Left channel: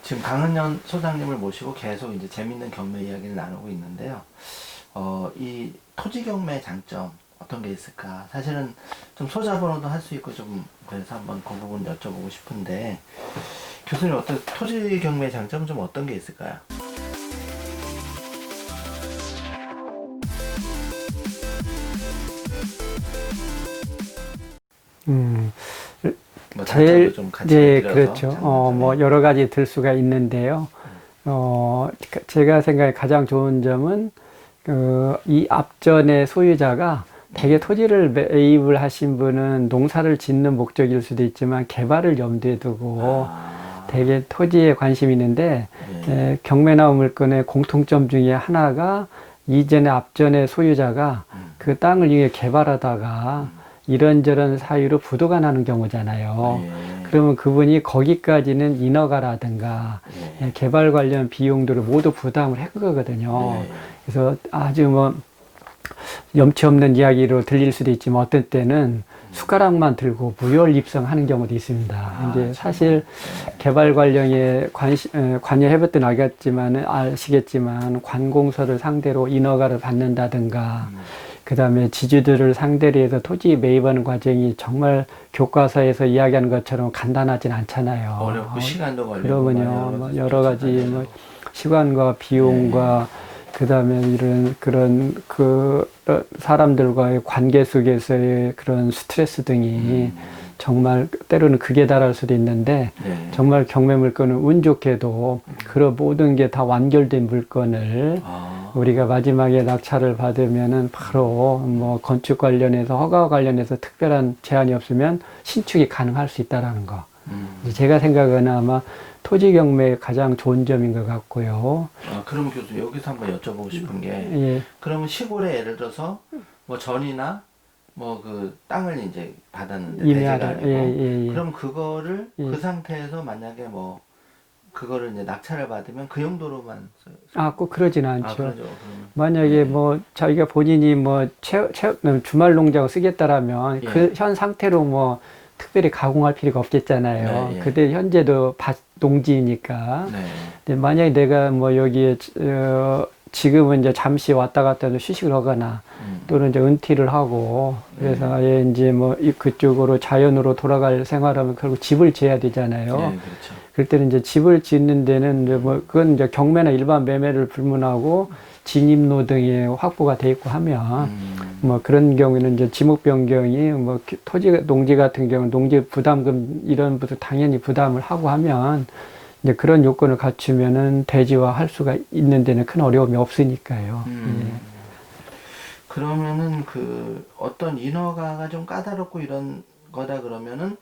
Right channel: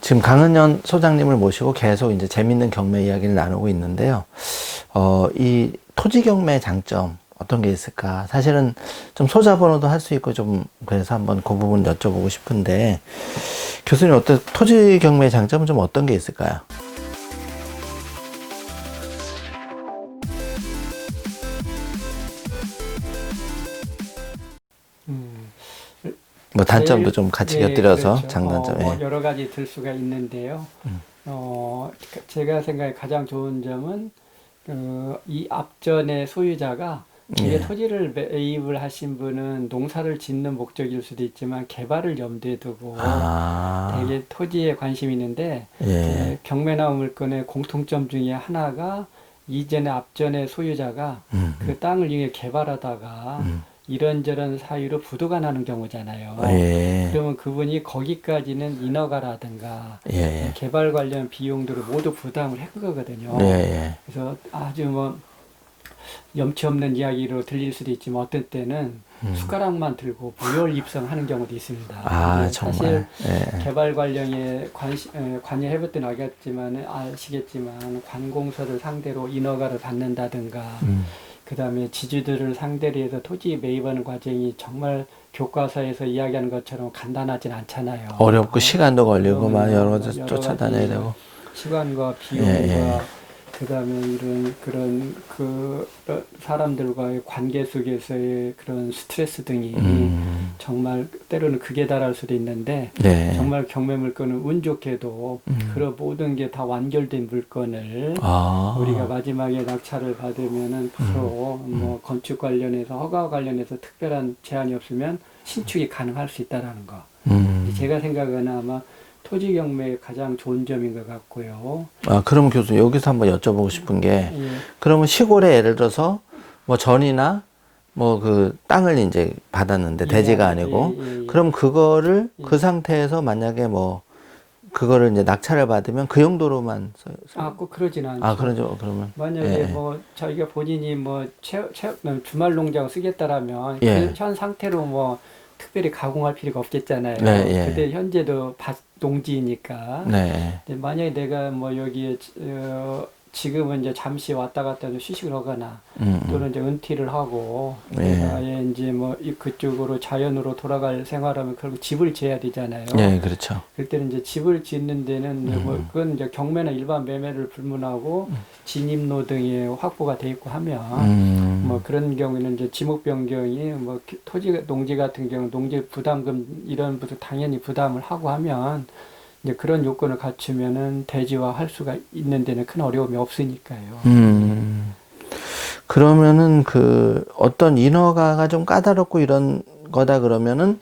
지금 강은현 소장님을 모시고 계속 이제 재밌는 경매 이야기를 나누고 있는데요. 이 토지 경매의 장점 어떤 게 있을까? 사실은 좀 소자본으로도 할 수 있고 좀 그래서 한번 그 부분 여쭤보고 싶은데 교수님 어떤 토지 경매의 장점은 좀 어떤 게 있을까요? 뭐 단점도 좀 같이 곁들여서 그렇죠. 장단점에. 뭐 여러 가지 들 수가 있는데요. 제가 생각에 가장 좋은 점은 이 앞전의 소유자가 되게 토지를 매입을 하신 분은 농사를 짓는 목적일 수도 있지만 개발을 염두에 두고 되게 토지에 관심이 있는데 경매나 물건의 공통점 중에 하나가 이전에 앞전의 소유자가 그 땅을 위해 개발하다가 이런저런 사유로 부도가 나는 경우잖아요. 그러면 그분이 거기까지는 인허가라든가 개발 관련 비용들을 모두 부담을 한 거거든요. 그래서 아주 뭐 염치 없는 이야기로 들릴 수도 있지만 어떤 때는 숟가락만 들고 무혈 입성하는 경우도 있습니다. 사실 개발 관련에 관여해볼 때는 아시겠지만 관공서를 상대로 인허가를 받는다든가 그 다음에 지주들을 상대로 해서 토지 매입하는 과정이 정말 교과서에서 이야기하는 것처럼 간단하진 않잖아요. 어렵고 시간도 걸리고 여러 가지 뭐 시간과 비용과 그 다음에 그런 사람들과의 관계 속에서의 그런 스트레스 등이 정말 때로는 극에 달할 수도 있는데 정말 경매 물건은 운 좋게도 그런 모든 게 다 완결된 물건을 우리가 마지막에 낙찰을 받으면은 바로 뭐 건축 관련해서 허가 관련해서 특별한 제한이 없으면 신축이 가능할 수 있다라는 거. 제가 생각하는 아마 토지 경매의 가장 좋은 점인 것 같고요. 그러면 교수님 여기서 한번 여쭤보고 싶은 게 그러면 시골에 예를 들어서 뭐 전이나 뭐 그 땅을 이제 받았는데 대지가 아니고 그럼 그거를 그 상태에서 만약에 뭐 그거를 이제 낙찰을 받으면 그 용도로만 꼭 그러진 않죠. 그러죠. 그러면 만약에 뭐 자기가 본인이 뭐 주말 농장 쓰겠다라면 그 현 상태로 뭐 특별히 가공할 필요가 없겠잖아요. 그때 현재도 농지니까. 근데 만약에 내가 뭐 여기에 지금은 이제 잠시 왔다 갔다 해도 휴식을 하거나 또는 이제 은퇴를 하고 그래서 아예 이제 뭐 그쪽으로 자연으로 돌아갈 생활하면 결국 집을 지어야 되잖아요. 그렇죠. 그럴 때는 이제 집을 짓는 데는 이제 뭐 그건 이제 경매나 일반 매매를 불문하고 진입로 등이 확보가 돼 있고 하면 뭐 그런 경우에는 이제 지목 변경이 뭐 토지 농지 같은 경우는 농지 부담금 이런 것도 당연히 부담을 하고 하면 이제 그런 요건을 갖추면은 대지화할 수가 있는 데는 큰 어려움이 없으니까요. 그러면은 그 어떤 인허가가 좀 까다롭고 이런 거다 그러면은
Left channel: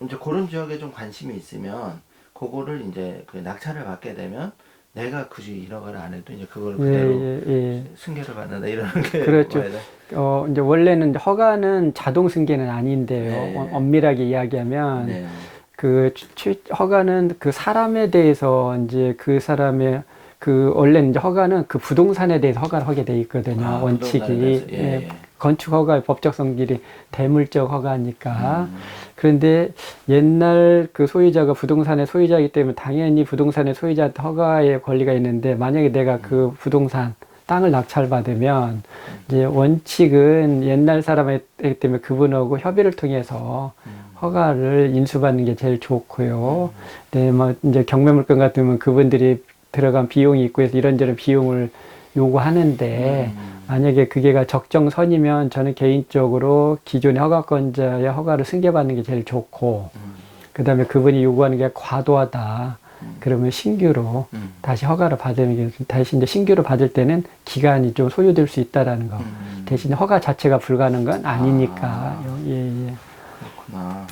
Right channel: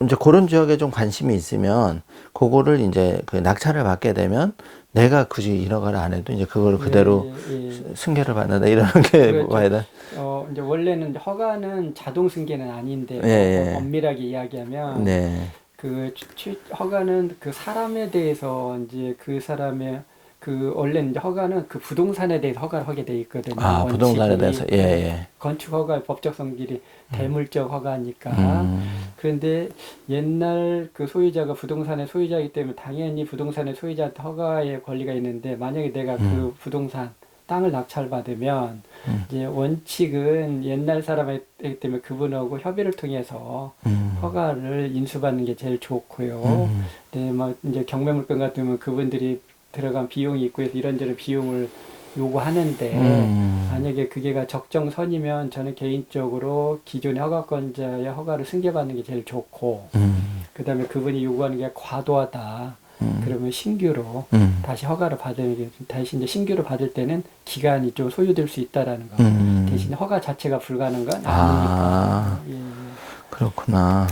이제 그런 지역에 좀 관심이 있으면 그거를 이제 그 낙찰을 받게 되면 내가 굳이 인허가를 안 해도 이제 그걸 그대로 승계를 받는다 이러는 게 그렇죠. 이제 원래는 허가는 자동 승계는 아닌데 엄밀하게 이야기하면 허가는 그 사람에 대해서 이제 그 사람의 원래 이제 허가는 그 부동산에 대해서 허가를 하게 돼 있거든요. 원칙이. 부동산에 대해서. 건축 허가의 법적 성질이 대물적 허가니까. 그런데 옛날 그 소유자가 부동산의 소유자이기 때문에 당연히 부동산의 소유자한테 허가의 권리가 있는데 만약에 내가 그 부동산 땅을 낙찰받으면 이제 원칙은 옛날 사람이기 때문에 그분하고 협의를 통해서 허가를 인수받는 게 제일 좋고요. 뭐 이제 경매 물건 같으면 그분들이 들어간 비용이 있고 해서 이런저런 비용을 요구하는데 만약에 그게가 적정선이면 저는 개인적으로 기존의 허가권자의 허가를 승계받는 게 제일 좋고 그 다음에 그분이 요구하는 게 과도하다. 그러면 신규로 다시 허가를 받으면 다시 이제 신규로 받을 때는 기간이 좀 소요될 수 있다라는 거. 대신 허가 자체가 불가능한 건 아니니까. 그렇구나.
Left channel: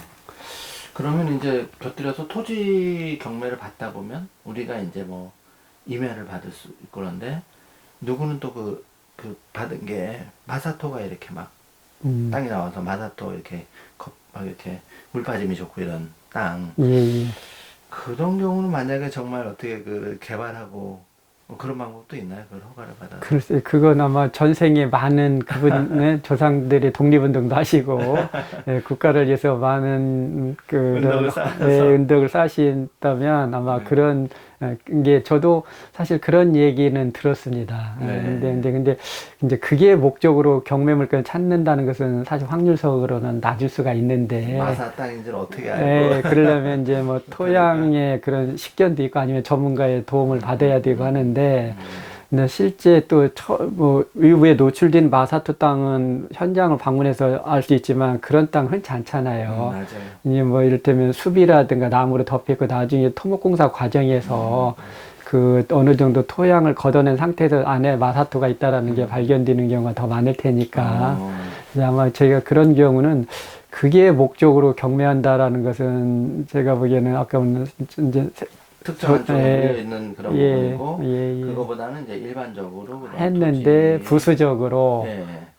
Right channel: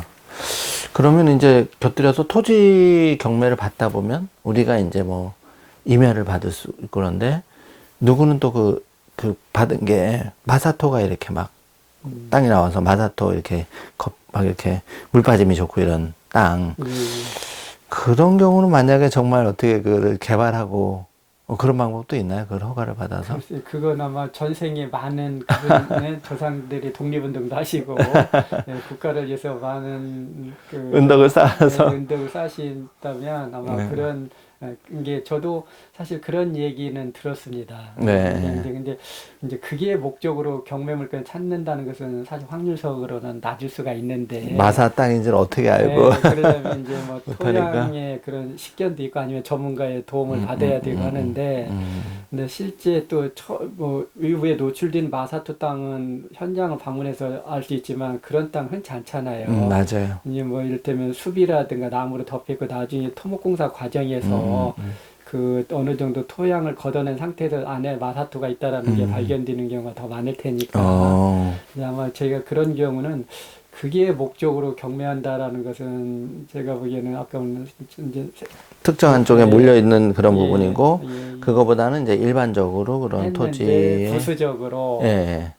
그러면 이제 곁들여서 토지 경매를 받다 보면 우리가 이제 뭐 임야를 받을 수 있고 그런데 누구는 또 그 받은 게 마사토가 이렇게 막 땅이 나와서 마사토 이렇게 막 이렇게 물 빠짐이 좋고 이런 땅. 그런 경우는 만약에 정말 어떻게 그걸 개발하고 그런 방법도 있나요? 그걸 허가를 받아서? 글쎄, 그건 아마 전생에 많은 그분의 조상들이 독립운동도 하시고, 예, 국가를 위해서 많은 은덕을 쌓아서. 네, 은덕을 쌓으신다면 아마 네. 그런, 게 저도 사실 그런 얘기는 들었습니다. 네. 근데 이제 그게 목적으로 경매 물건을 찾는다는 것은 사실 확률적으로는 낮을 수가 있는데. 마사 땅인지를 어떻게 알고? 네, 그러려면 이제 뭐 못하니까. 토양의 그런 식견도 있고 아니면 전문가의 도움을 받아야 되고 하는데, 근데 실제 또 뭐 외부에 노출된 마사토 땅은 현장을 방문해서 알 수 있지만 그런 땅 흔치 않잖아요. 맞아요. 이제 뭐 이를테면 숲이라든가 나무로 덮여있고 나중에 토목공사 과정에서 그 어느 정도 토양을 걷어낸 상태에서 안에 마사토가 있다라는 게 발견되는 경우가 더 많을 테니까. 그래서 아마 제가 그런 경우는 그게 목적으로 경매한다라는 것은 제가 보기에는 아까 이제 특정한 쪽에 네. 몰려있는 그런 예, 부분이고, 예. 그거보다는 이제 일반적으로 그런 했는데 토지. 부수적으로 예.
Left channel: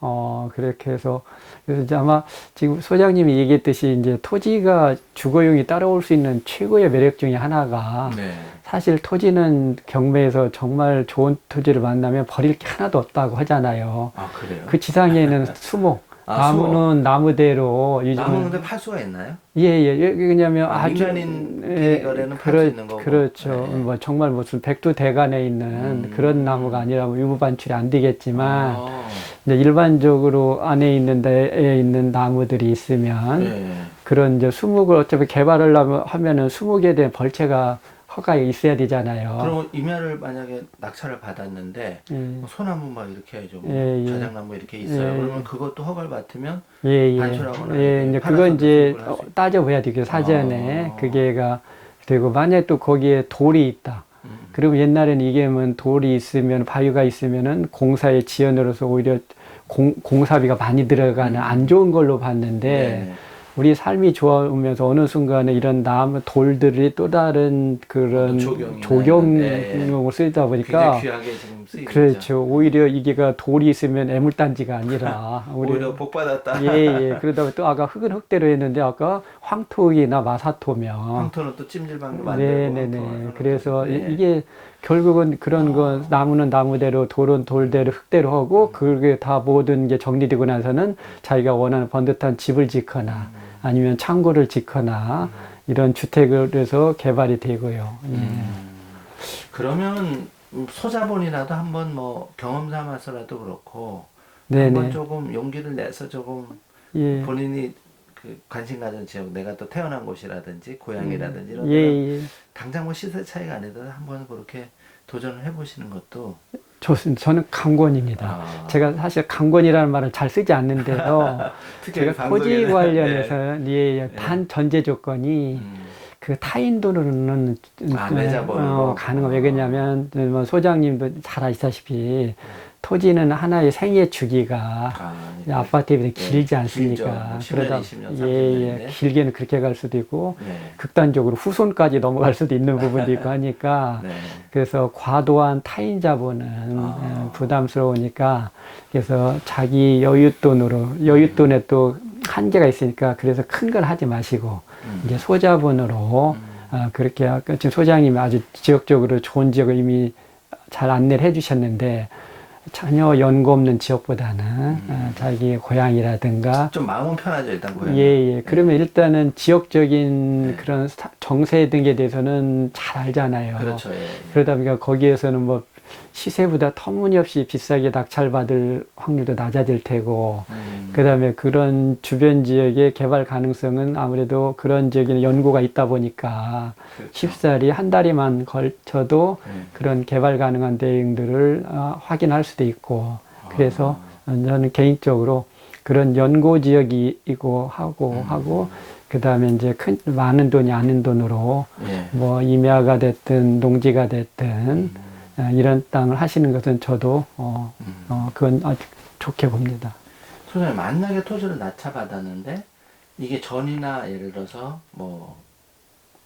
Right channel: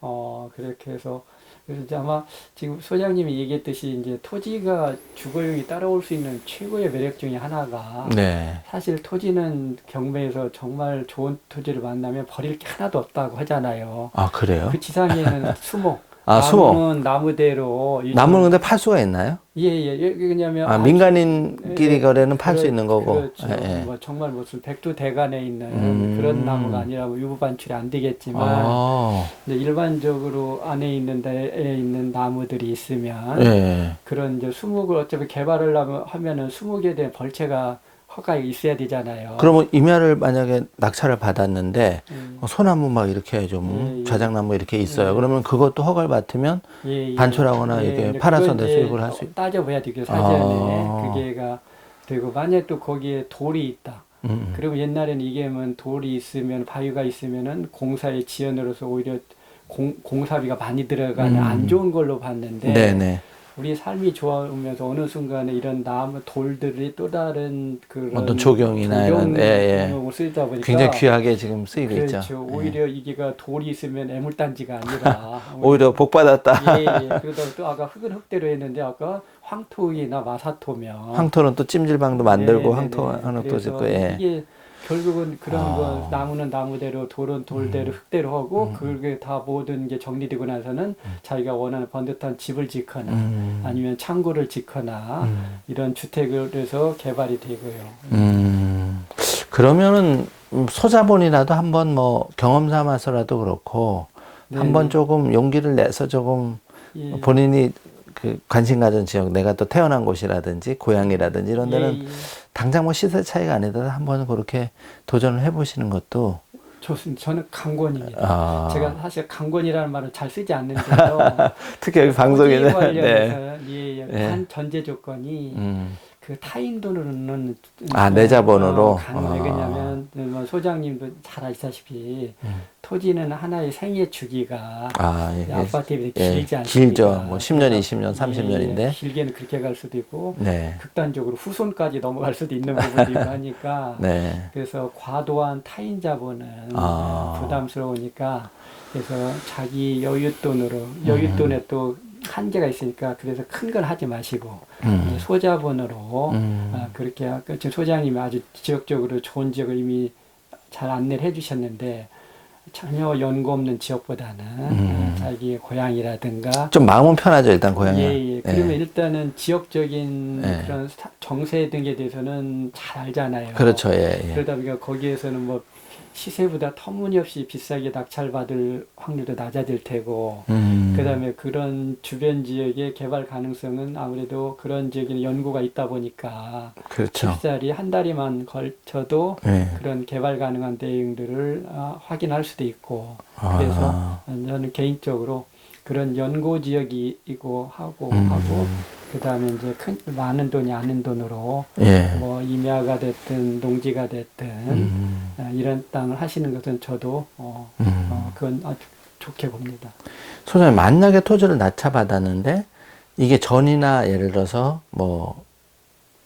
그렇게 해서 그래서 이제 아마 지금 소장님이 얘기했듯이 이제 토지가 주거용이 따라올 수 있는 최고의 매력 중에 하나가 네. 사실 토지는 경매에서 정말 좋은 토지를 만나면 버릴 게 하나도 없다고 하잖아요. 아, 그래요? 그 지상에는 수목, 아, 나무는 나무대로 나무는 근데 팔 수가 있나요? 왜냐면 아주- 민간인끼리 예, 거래는 팔 수 있는 거고. 그렇죠. 예. 뭐 정말 무슨 백두대간에 있는 그런 나무가 아니라 일부 반출이 안 되겠지만 아, 이제 일반적으로 안에 있는 데에 있는 나무들이 있으면 예. 그런 이제 수목을 어차피 개발을 하면은 수목에 대한 벌채가 허가에 있어야 되잖아요. 그러면 임야를 만약에 낙찰을 받았는데 예. 소나무 막 이렇게 좀 예, 예. 좌장나무 이렇게 있어요. 예. 그러면 그것도 허가를 받으면 예, 예. 반출하거나 이렇게 이제 팔아서 그건 이제 수익을 할 수 있. 따져봐야 되겠죠. 사전에 아. 그게가 되고 만약에 또 거기에 돌이 있다. 그리고 옛날에는 이게 뭐 돌이 있으면 바위가 있으면은 공사의 지연으로서 오히려 공사비가 많이 들어가는 안 좋은 걸로 봤는데 네네. 우리 삶이 좋아오면서 어느 순간에 이런 나무 돌들이 또 다른 그런 어떤 조경이나 조경용으로 이런, 예, 예. 쓰이다 보니까 굉장히 귀하게 지금 쓰이고 그렇죠. 있죠. 오히려 이게가 돌이 있으면 애물단지가 아니라 오히려 복 받았다. 예. 그러다 보니 또 아까 흙은 흙대로 했는데 아까 황토이나 마사토면 황토는 또 찜질방도 만들고 네네네. 황토 하는 또 그래서 있고. 예. 이게 결국은 그런 거 나무는 나무대로 돌은 돌대로 흙대로 하고 그게 다 모든 게 정리되고 나서는 자기가 원하는 번듯한 집을 짓거나 아니면 창고를 짓거나 이런 주택을 해서 개발이 되고요. 그러면은 소자본이라도 한번 뭐 경험 삼아서라도 그렇고 네네. 한번 조금 용기를 내서 조금 예. 본인이 그 관심 가진 지역, 내가 또 태어난 곳이라든지 고향이라든지 이런 데는 예. 당장 뭐 시세 차이가 아니더라도 한번 그렇게 도전을 해보시는 것도. 좋습니다. 저는 강권입니다. 아. 제가 사실 강권이라는 말을 잘 쓰지 않는데요. 특히 제가 방송에는. 토지 관련해서는 단 전제 조건이 음. 그 타인 돈으로는 내 자본으로? 가능해요. 왜냐하면 뭐 소장님도 잘 아시다시피 토지는 하나의 생애 주기가 예. 아파트에 비해 예, 길지 않습니까? 길죠. 뭐 10년, 그래서 20년, 30년인데. 길게는 그렇게 갈 수도 있고 네. 극단적으로 후손까지 넘어갈 수도 있는 부분도 있고 하니까 네. 그래서 과도한 타인 자본은 부담스러우니까 그래서 자기 여윳돈에 또 한계가 있으니까 그래서 큰 건 하지 마시고 이제 소자본으로 그렇게 아까 지금 소장님이 아주 지역적으로 좋은 지역을 이미 잘 안내를 해주셨는데 전혀 연고 없는 지역보다는 자기 고향이라든가 좀 마음은 편하죠, 일단 고향이. 예. 그러면 일단은 지역적인 네. 그런 정세 등에 대해서는 잘 알잖아요. 그렇죠, 예. 그러다 보니까 거기에서는 뭐 시세보다 터무니없이 비싸게 낙찰받을 확률도 낮아질 테고, 그 다음에 그런 주변 지역의 개발 가능성은 아무래도 그런 지역에 연고가 있다 보니까, 그렇죠. 쉽사리 한 달에만 걸쳐도 네. 그런 개발 가능한 대응들을 확인할 수도 있고, 그래서 저는 개인적으로 그런 연고 지역이고 하고, 그 다음에 이제 많은 돈이 아닌 돈으로, 예. 뭐 임야가 됐든 농지가 됐든 이런 땅을 하시는 것은 저도 그건 아주 좋게 봅니다. 소장님, 만약에 토지를 낙찰받았는데 이게 전이나 예를 들어서 뭐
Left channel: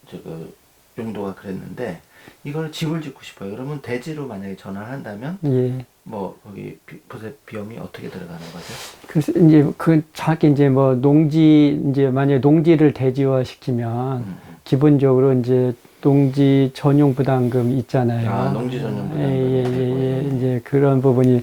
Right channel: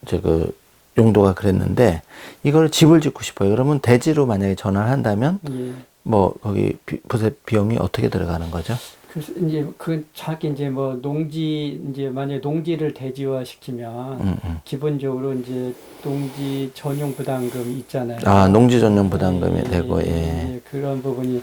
그 용도가 그랬는데 이걸 집을 짓고 싶어요. 그러면 대지로 만약에 전환을 한다면 예. 뭐 거기 부세 비용이 어떻게 들어가는 거죠? 그래서 이제 자기 이제 뭐 농지 이제 만약에 농지를 대지화 시키면 기본적으로 이제 농지 전용 부담금 있잖아요. 아, 농지 전용 부담금이 되고, 예. 이제 그런 부분이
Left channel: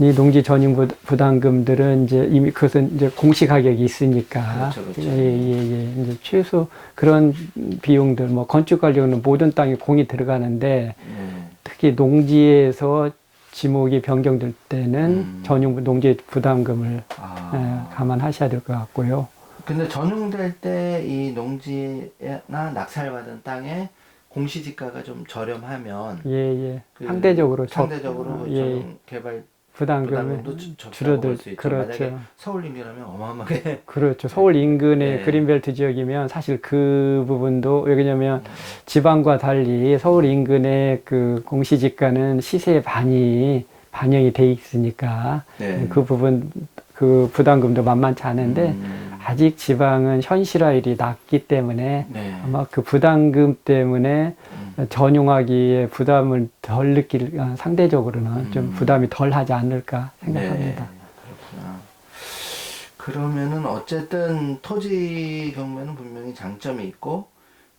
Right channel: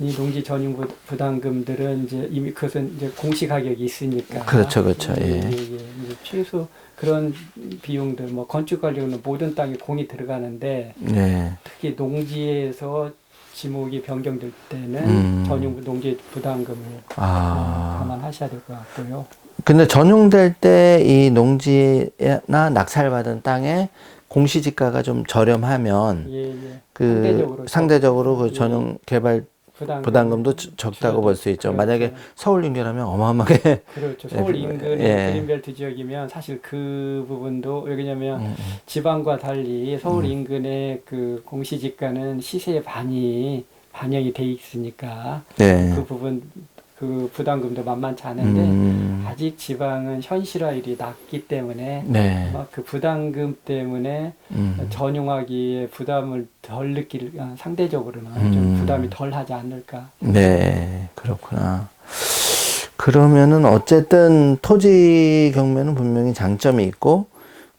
이 농지 전용 부담금들은 이제 이미 그것은 이제 공시 가격이 있으니까. 그렇죠, 그렇죠. 예. 이제 최소 그런 비용들, 뭐 건축 관리는 모든 땅에 공이 들어가는데 예. 특히 농지에서 지목이 변경될 때는 전용 농지 부담금을 감안하셔야 될 것 같고요. 근데 전용될 때 이 농지나 낙찰받은 땅에 공시지가가 좀 저렴하면 그 상대적으로 그 전용 개발 부담금도 적다고 볼 수 있죠. 그렇죠. 만약에 서울 인근하면 어마어마하게 그렇죠. 서울 인근의 예. 그린벨트 지역이면 사실 그 부분도 왜냐면 지방과 달리 서울 인근의 그 공시지가는 시세의 반영이 돼 있으니까 네. 그 부분 그 부담금도 만만치 않은데 아직 지방은 현실화율이 낮기 때문에 네. 아마 그 부담금 때문에 전용하기에 부담을 덜 느낄 상대적으로는 좀 부담이 덜 하지 않을까 생각합니다. 네, 그렇구나. 그러면은 어쨌든 토지 경매는 분명히 장점이 있고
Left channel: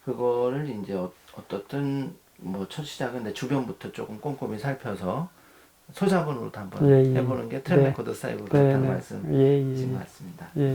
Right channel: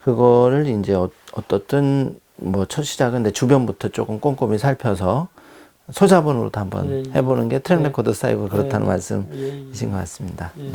그거를 이제 어떻든 뭐 첫 시작은 내 주변부터 조금 꼼꼼히 살펴서 소자본으로도 한번 해보는 게 트랙 레코드 쌓이고 그렇다는 말씀이신 것 같습니다. 네.